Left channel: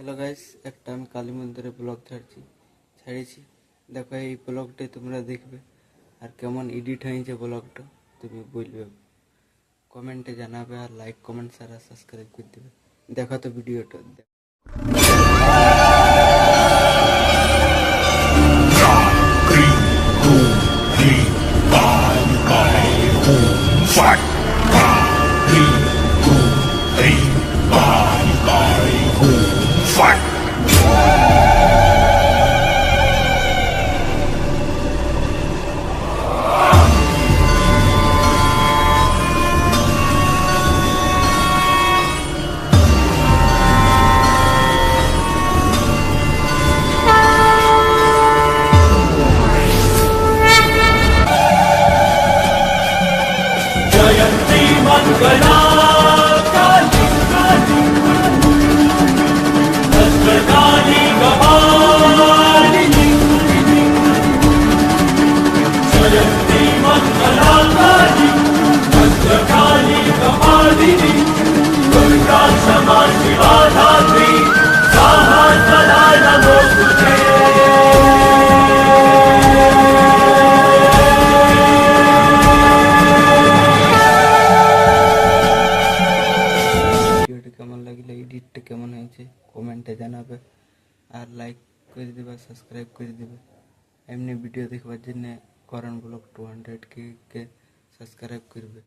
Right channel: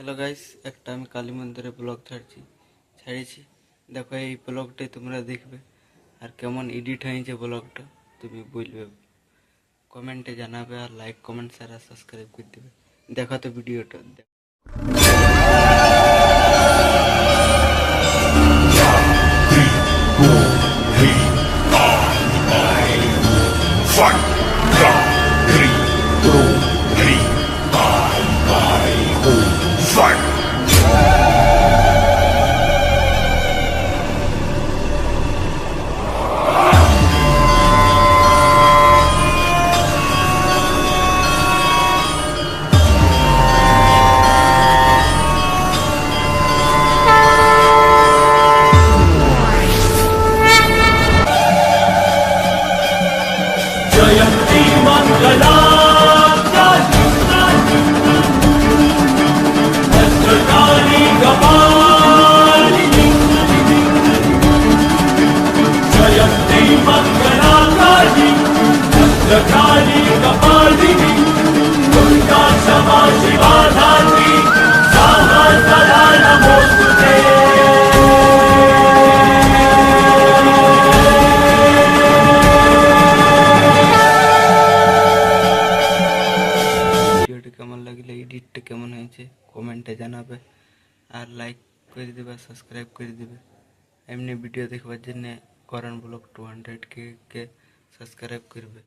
Hello guys, একটা আমি কালী মন্দিরে ব্লগ ছাড়িয়েছি। দেখো, এই ব্লগটাই তোমরা দেখবে, আর কেমন এডিট হয়েছে ব্লগটা তুমি বলবে, কমেন্টে জানাবে, আর লাইক কমেন্ট শেয়ার আর সাবস্ক্রাইব করে দেবে। দেখো তো ভিডিওটা। ভিডিওটি কেমন লাগলে, এডিটটা কেমন হয়েছে কমেন্টে জানাবে, আর লাইক করে দিবে, সাবস্ক্রাইব করে দিবে। এমনি ভিডিও দেখবার জন্য করণ ব্লগ 200K সাবস্ক্রাইব করবে।